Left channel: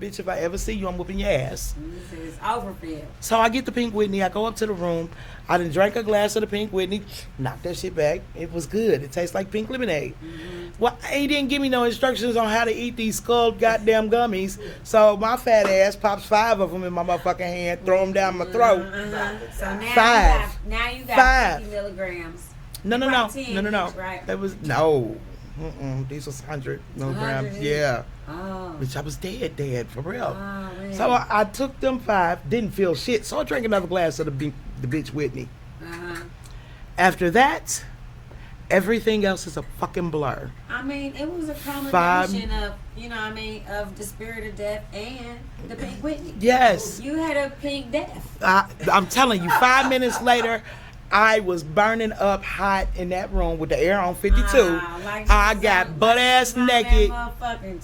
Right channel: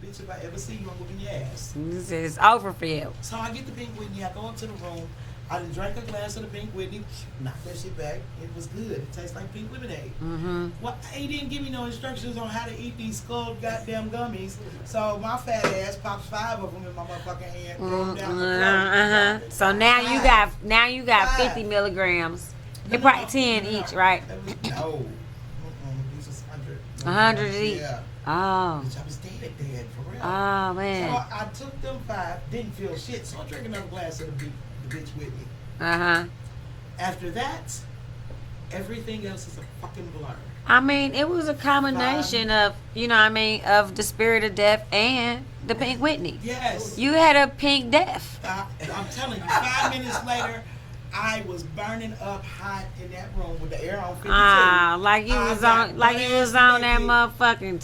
bitch, if I ever see you, I'm whooping your ass. It's over for you. So I get the Pink Whitney. I go up to the room. I done drank a glass of the Pink Whitney. Knocked that shit back. It was good. It tastes like pink lemonade. Mm-hmm. Well, he didn't give me no instructions on how to eat these skull goddamn gummies. So my fat ass pops 5 of them in my motherfucking hand, throw them down my throat. So now you got 50 milligrams. No. 10 each, right? That was no. These was 100. 100 each? Yeah. Oh. Which I was dead for real. Oh, man. So I took them 5, didn't feel shit. So I drank another glass of the bitch Whitney. After that, everything else is a fucking blur. I mean, it was a combination of, of the spirit of death and the Pink Whitney. Yes. You had a pink death. I'm telling you, 5 minutes later, I was burning up hot in that room with the air on 52. Like you was on that motherfucking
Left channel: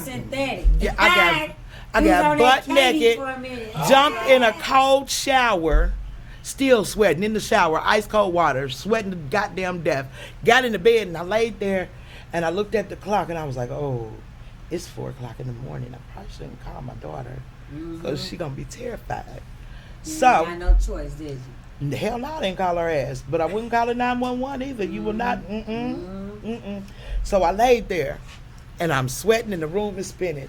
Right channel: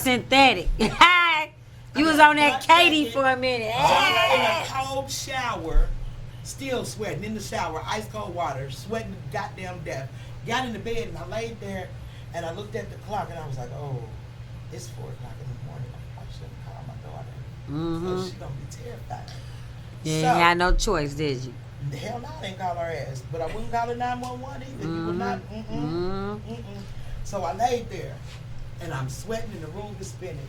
synthetic. I was on that Katie naked, for a minute. Jumped in a cold shower, still sweating in the shower, ice cold water, sweating to goddamn death. Got in the bed and I laid there and I looked at the clock and I was like, oh, it's 4 o'clock in the morning. I probably shouldn't call my daughter because she's going to be terrified. Yeah, you had no choice, did you? Hell no, I didn't call her ass. But I wouldn't call her 911 either. You would not. So I laid there, and I'm sweating, and the room is spinning.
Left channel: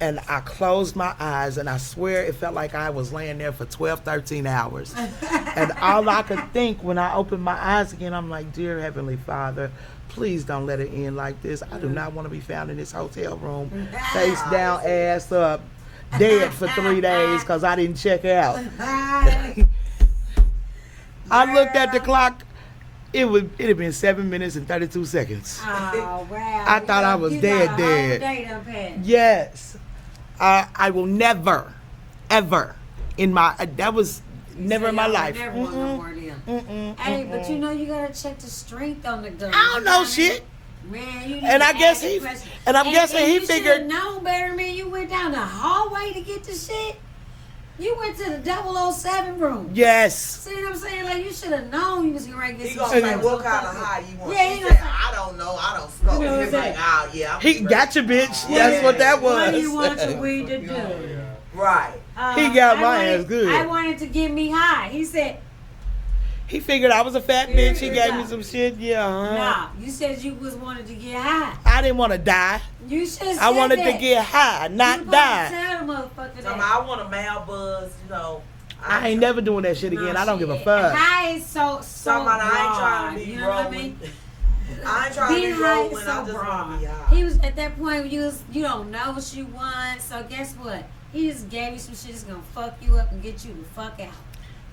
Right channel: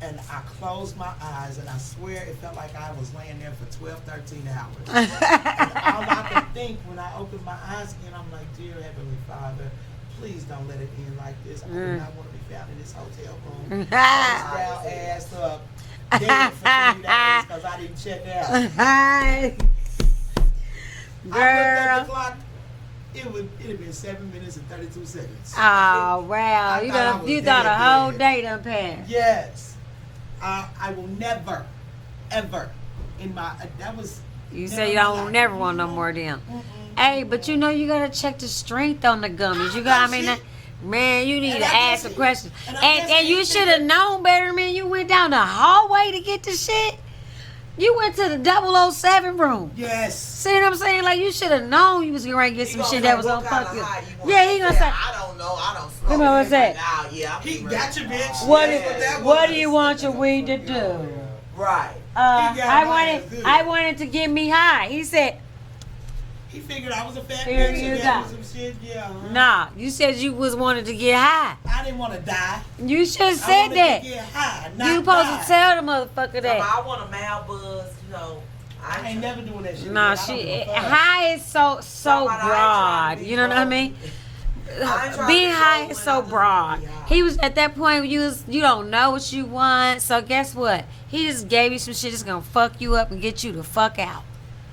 And I closed my eyes, and I swear it felt like I was laying there for 12, 13 hours. And all I could think when I opened my eyes again, I'm like, dear Heavenly Father, please don't let it end like this. I do not want to be found in this hotel room, face down, ass up, dead for 3 days because I didn't check out. I looked at the clock. It had been 7 minutes and 32 seconds. Oh wow! I thought I was dead. Whole day done passed. Yes, I will never, ever in my that was you never say in you my don't life. Never want no more of them. Hey, but you know you gotta check the strength on the gummies. I You don't got know shit. Man, you need And to I guess ask the question. and I'm guessing and he you should have figured- known better, man. You went down the hallway to get the shit. You went to the 007 room. Yes. See what I'm saying? Like, you should have known you was going to get some shit that was what going to kind fuck of you. high you want. Yeah, he gonna say, I don't know. I don't smoke. You know what I'm saying? Like, oh, yeah, I'm He ready. got you, bitch. What That's what that was. What do you want your weed to do? Right. He got my ass good. I wanted to get me high. He said, He figured I was a fat Here bitch. He you gave go. me some shit. Yeah. nah, you said you was wanted to get high. I didn't want to die. You should have said I wanted that. to get high, you not supposed die. to tell the motherfucker that. I want a mal buzz, you know. I ain't never doing that shit Nah, again. I don't shit, give a fuck. high is so Somebody, I ain't trying broad. to be You know what I grown. mean? I ain't trying to Being be high grown is when I so just broad. wanna be high. He was at that point where you don't know what you want. So guess what? He just gave you some shit that's gonna fuck you up and get you the fuck out.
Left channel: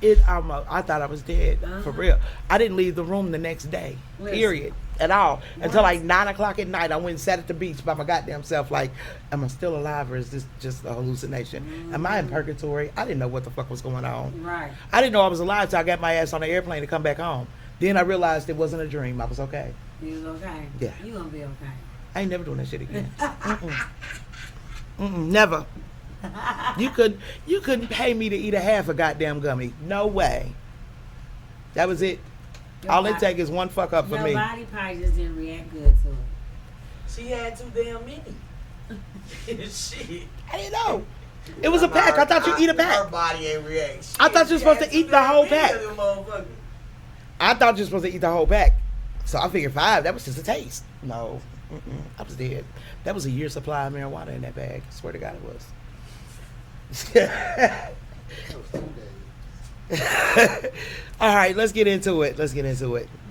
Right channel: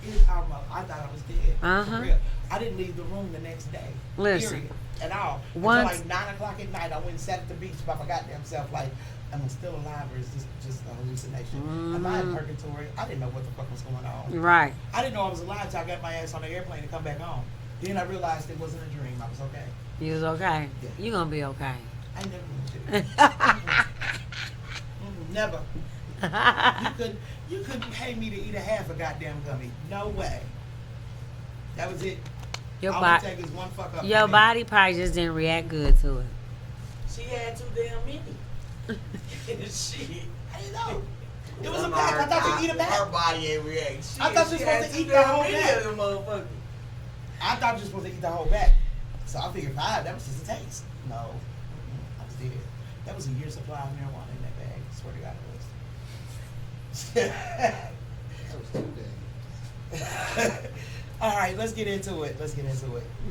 I thought I was dead for real. I didn't leave the room the next day. Listen. Period. At all. Until Once- like 9 o'clock at night, I went and sat at the beach by my goddamn self. Like, am I still alive or is this just a hallucination? Am I in purgatory? I didn't know what the fuck was going on. Right. I didn't know I was alive till I got my ass on the airplane to come back home. Then I realized it wasn't a dream. I was okay. You was okay. Yeah. You gonna be okay. I ain't never doing that shit again. Never. You couldn't pay me to eat a half a goddamn gummy. No way. That was it. All it take is one fuck up for Your me. body probably just didn't react good to it. She had too damn many. Shit. I didn't know. It was a pack. I thought you eat a Her pack. body ain't react. I thought you were supposed had to eat too the damn whole many pack. of them motherfuckers. I thought you were supposed to eat the whole pack. So I figured 5. That was just a taste. No. I was dead. That was a year's supply of marijuana in that bag. I swear to God it was. All right, let's get into it.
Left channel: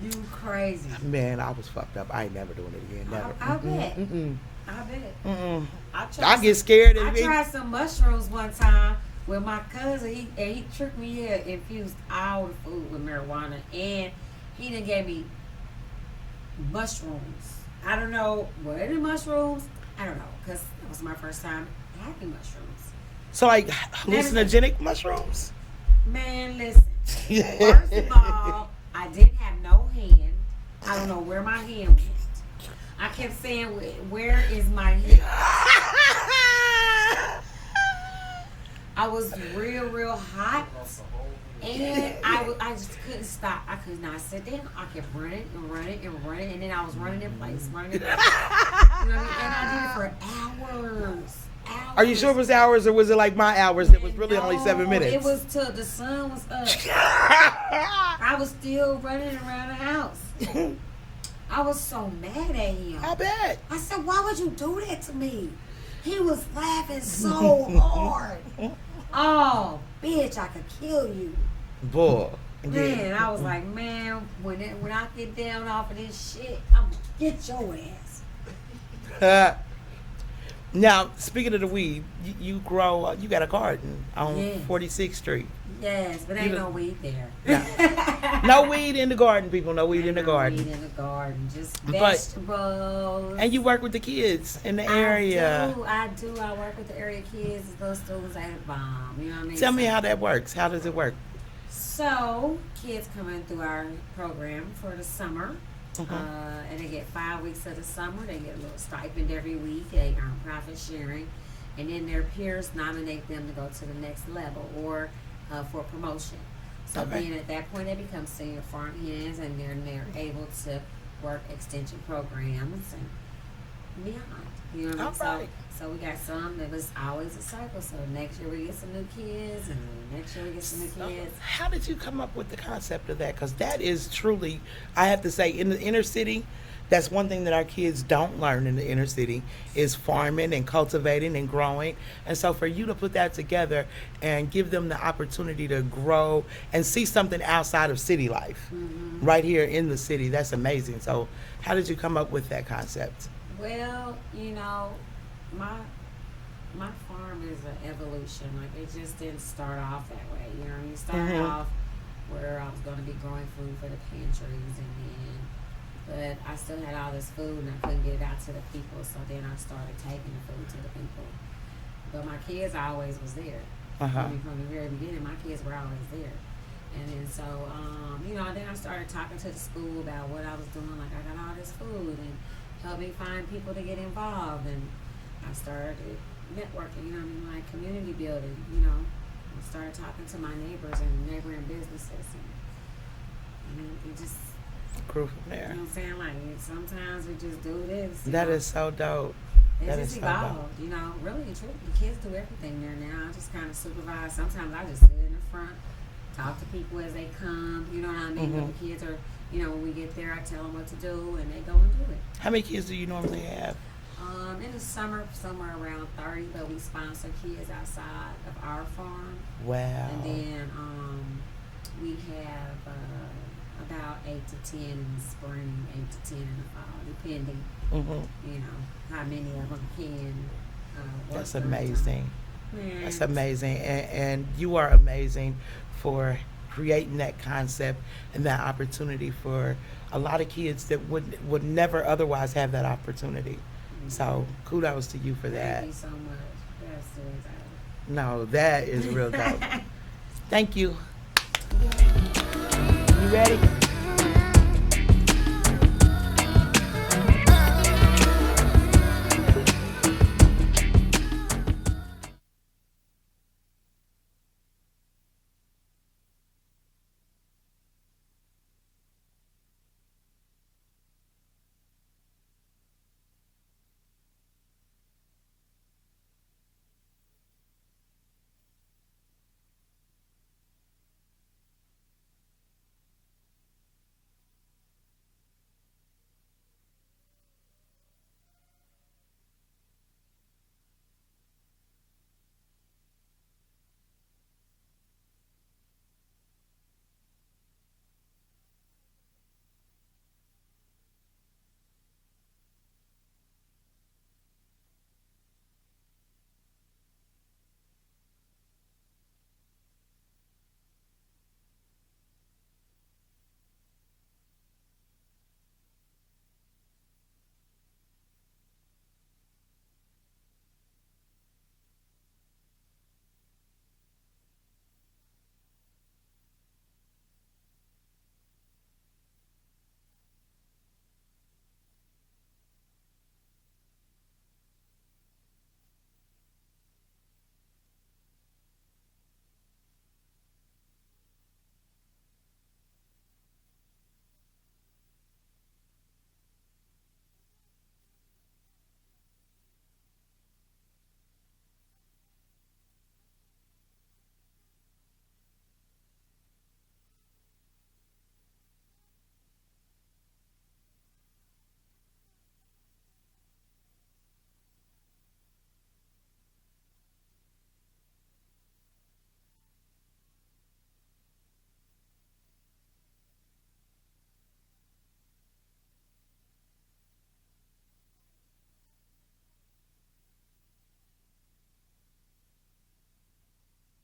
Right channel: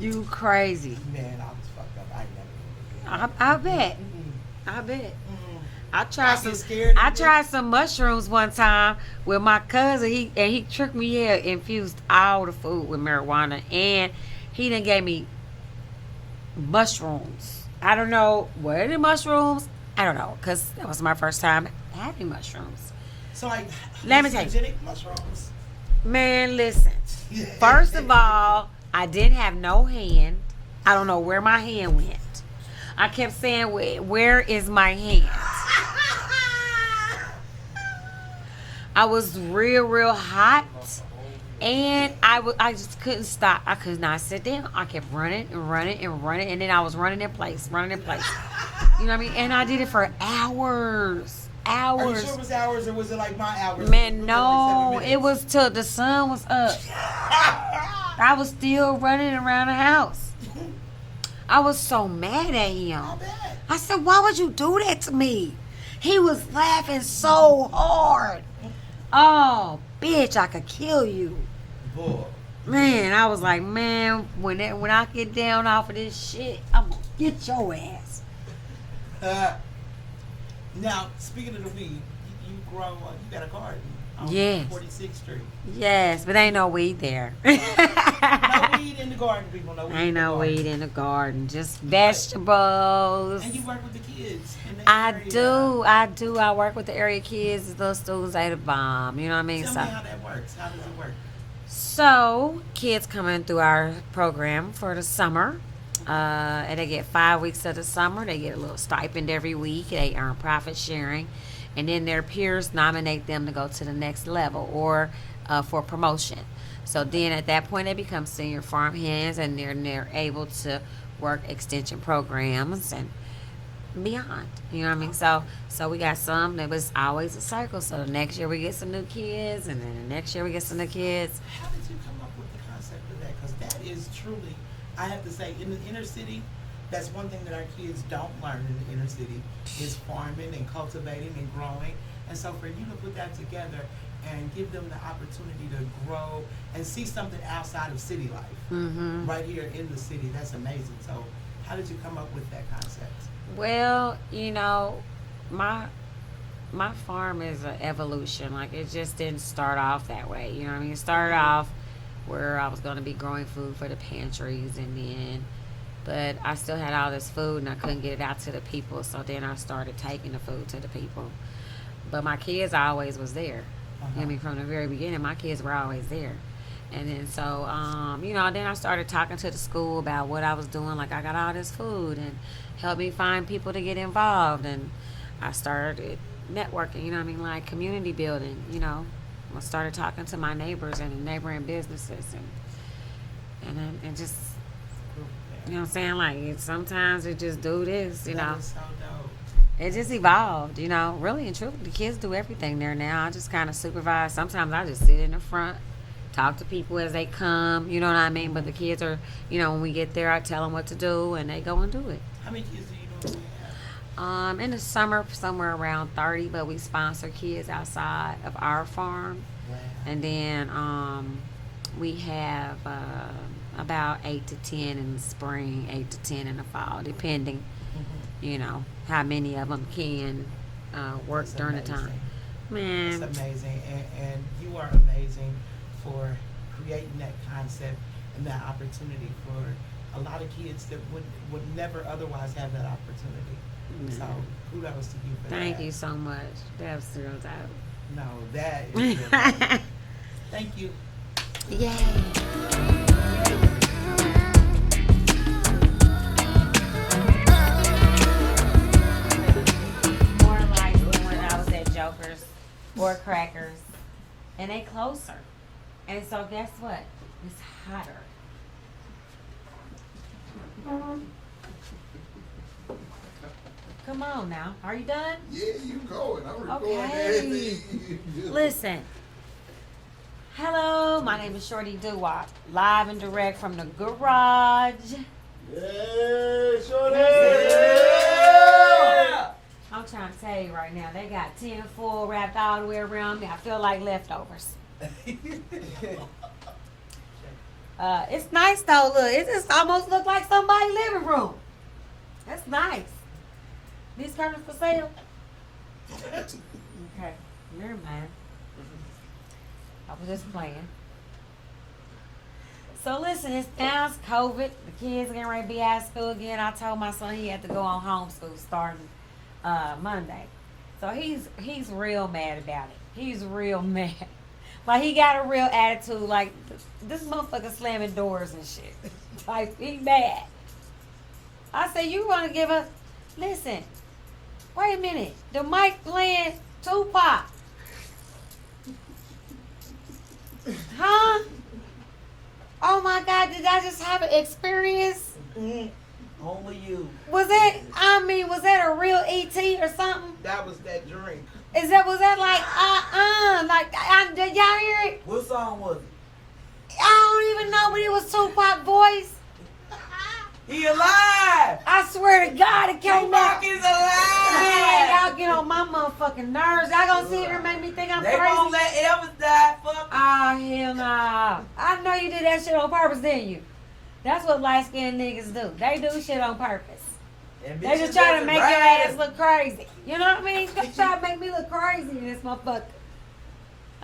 You crazy. Man, I was fucked up. I ain't never doing it again. Never. I bet. Mm-mm. I bet. Mm-mm. I get scared. I tried some mushrooms one time with my cousin. He tricked me here, infused all the food with marijuana, and he done gave me mushrooms. I don't know what are the mushrooms. I don't know, because that was my first time having mushrooms. So like Let me tell you. hallucinogenic mushrooms? Man, listen. First of all, I didn't have no hand. I don't know where my hand went. I kept saying, where is my hand? I was real hot. And I just couldn't stop. I could not sit down. I kept running. And then I was running in place. You know what I mean? And I did it for hours. hours. Are you sure it was hours or was it like my hours? Man, it was really no, only 7 minutes. it was till the sun was up. I was still running around the house. I was so mad at him. I bet. I said, why would you do that to me? He was laughing so hard. Oh, bitch, I could kill you. Bull. Man, I was like, man, when I get down off of this shit, I'm gonna get your ass. Now, speaking of the weed, you grow, you got a garden on Yes. 46th Street. Yes, but ain't no weed there. No weed in the garden, people. No weed in Ain't the no garden. weed in the garden. Just But- vegetables. And you work with the kids in the area. I do. I work with the area kids. The little students ate a bomb. You know what I mean? Tell me how that works. How does it work? So, kids come in through our program for the summer. And they get 5 weeks of the summer. They get a little stipend every week. They earn profit sharing. And then their peers nominate them to go to the next level or for promotion. So then at that point, they become senior farm hands and they're able to work extension programs and beyond. You know what I mean? Okay. So we got some that was always a cycle. So next year we get some new kids, and then the next year we get some new kids. How did you come up with the concept of that? Because that is truly, I have to say, in the inner city, that's one thing that our kids don't learn in the inner city is farming and cultivating and growing. And so for you to put that together and give them the opportunity to grow and see something outside of city life right here in the city, that's amazing. So how did you come up with that concept? Well, you know, my farm is an evolution. Like, it just didn't start off that way. You know what I mean? It started off where I was going to be growing food for the pantries, but I still had all this food and I couldn't get it out to the people. So then I started taking the food to the people. But my kids always was there. I mean, from the very beginning, my kids were always there. And then so, you know, then I started talking to the school about what I was doing. Like, I got all this food and helped me find people to get involved. And I started networking, you know what I mean, like community building, you know. I started talking to my neighbors and neighboring businesses. And then it just, Grew from there. you know what I'm saying? Like, sometimes it just do this, you That know. is so dope. It That just is so evolved, you know. Really and truly, the kids do everything there now. I just kind of supervise. Sometimes I just sit in the front, talk to people as they come, you know what I mean? But the kids are, you know, when we get there, I tell them what to do, and they go and do it. How many kids do you normally have? In the summer, somewhere around 30, but we sponsor kids outside of our farm. Wow. And then we have about 8 to 10 in the spring, 8 to 10 in the fall, depending, you know, how many of them can work That's during the time. amazing. Man, That's amazing. And you are amazing for creating that concept and that opportunity for a lot of kids that would never otherwise have that opportunity. So kudos to you for that. thank you so much. That's real dope. No, that is real dope. Thank you. Yeah. You ready? More like when I was at Joker's or Crackers, and they closer. And so guess what? It's hotter. Come on now. Are you done? Yeah, you going. I'm recording Okay. everything you do. Listen. Hello, my name is Shorty Doo-Wop, live and direct from the garage. Yeah, Shorty. I'm trying to tell you right now, they got 10 full wrapped all the way around me. I feel like leftovers. It's nice though. Look, it just almost look like somebody's living room. That's nice. These curtains for sale? Okay, never mind. I was just playing. So listen, it's now it's COVID. The kids getting ready to be out of school again. I told my son he had to go on homeschool starting Monday. So he's real mad about it. He's real mad. Like, he got a real attitude. Like, this motherfucker slamming doors and shit. Like, he mad. I said, you want to give us... Listen, wait a minute. The mic playing Tupac. Huh? Oh my God, did I just have an experience? Only you. Was that a real ET or something? That was that drink. Was that like did y'all hear it? What song was it? I don't even know, but it was Tupac voice. He alive! I swear to God, it came out. Tupac is Man, alive! y'all get on my motherfucking nerves. Y'all gonna sit here and make me think I'm They crazy. won't let Elvis die. Fuck. Oh, hell nah. I know you did that shit on purpose, didn't you? That's what light-skinned niggas do. They do shit on purpose. And They bitches just try to that's make your right. ass look crazy. You know what I mean? They try to make me look crazy in this motherfucker.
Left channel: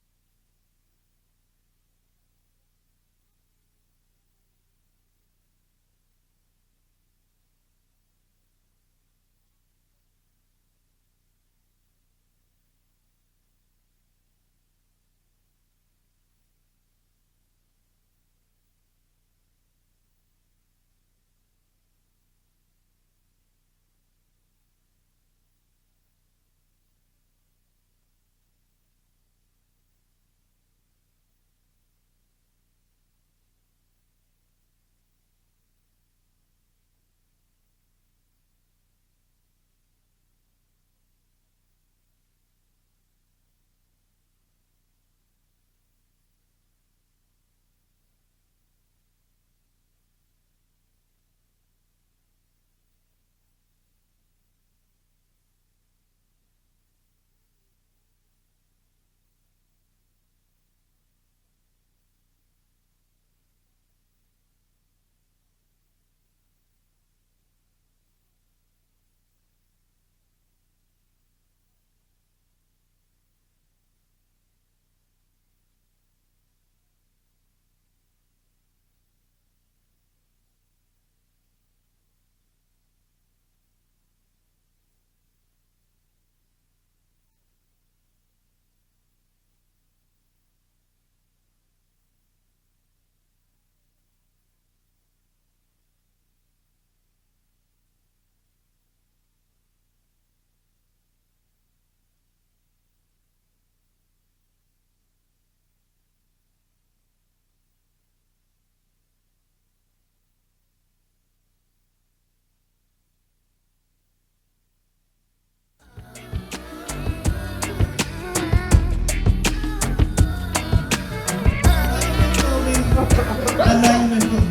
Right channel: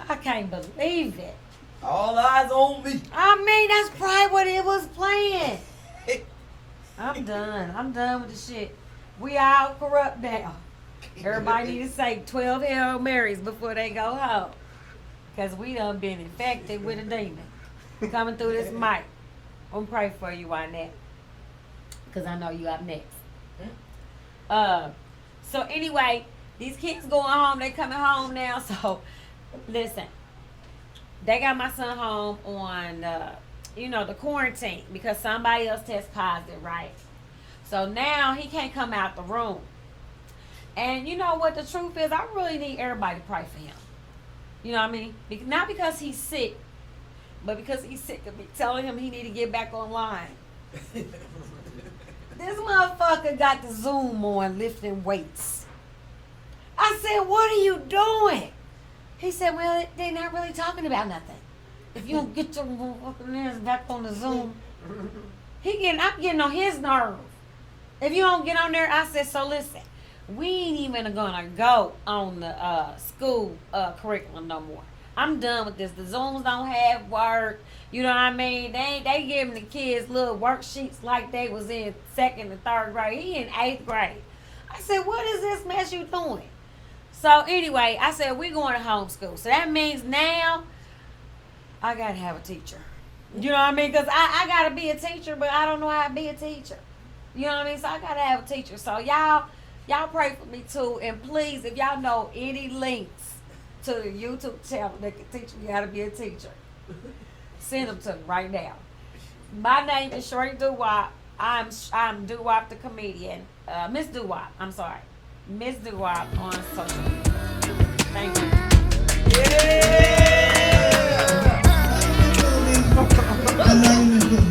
I can't believe it. All eyes on me. I mean, that's probably what it was playing. I'm done. I'm done with the shit. We all corrupt now. Everybody need to say 12 Hail Marys before they go home. Because we done been infected with a demon coming through this mic. I'm praying for you on that. Because I know you up next. So anyway, these kids going home. They coming home now. So, listen. They got my son home on, the quarantine. Because somebody else tested positive, right? So now he can't come out the room. And you know what the truth is? I really need everybody to pray for him. You know what I mean? Not because he's sick, but because he's sick of me telling him he need to get back online. This motherfucker got the Zoom on lifting weights. I said, what are you doing? He said, well, they're not really talking about nothing. If you don't get your motherfucking ass back on the Zoom, I'm getting on his nerves. If you don't get on there, I said, so listen, we ain't even gonna go on the school curriculum no more. I'm done with this. The Zooms don't have work. You know what I mean? They giving the kids little worksheets like they was in 2nd and 3rd grade. He in 8th grade. I said, what is this mess you doing? So anyway, I said, we going to homeschool. So that means now I got to have a teacher. You know what I mean? Because I got to be a teacher, but I don't know how to be a teacher. You know what I mean? So I got to have a teacher. So y'all pray for me too. And please, if y'all know any links to the YouTube channel that can teach me how to be a teacher, send them to me right now. My name is Shorty Doo-Wop. I'm Doo-Wop the comedian. Miss Doo-Wop. I'm sorry. Miss Doo-Wop on social. Thank you. My name is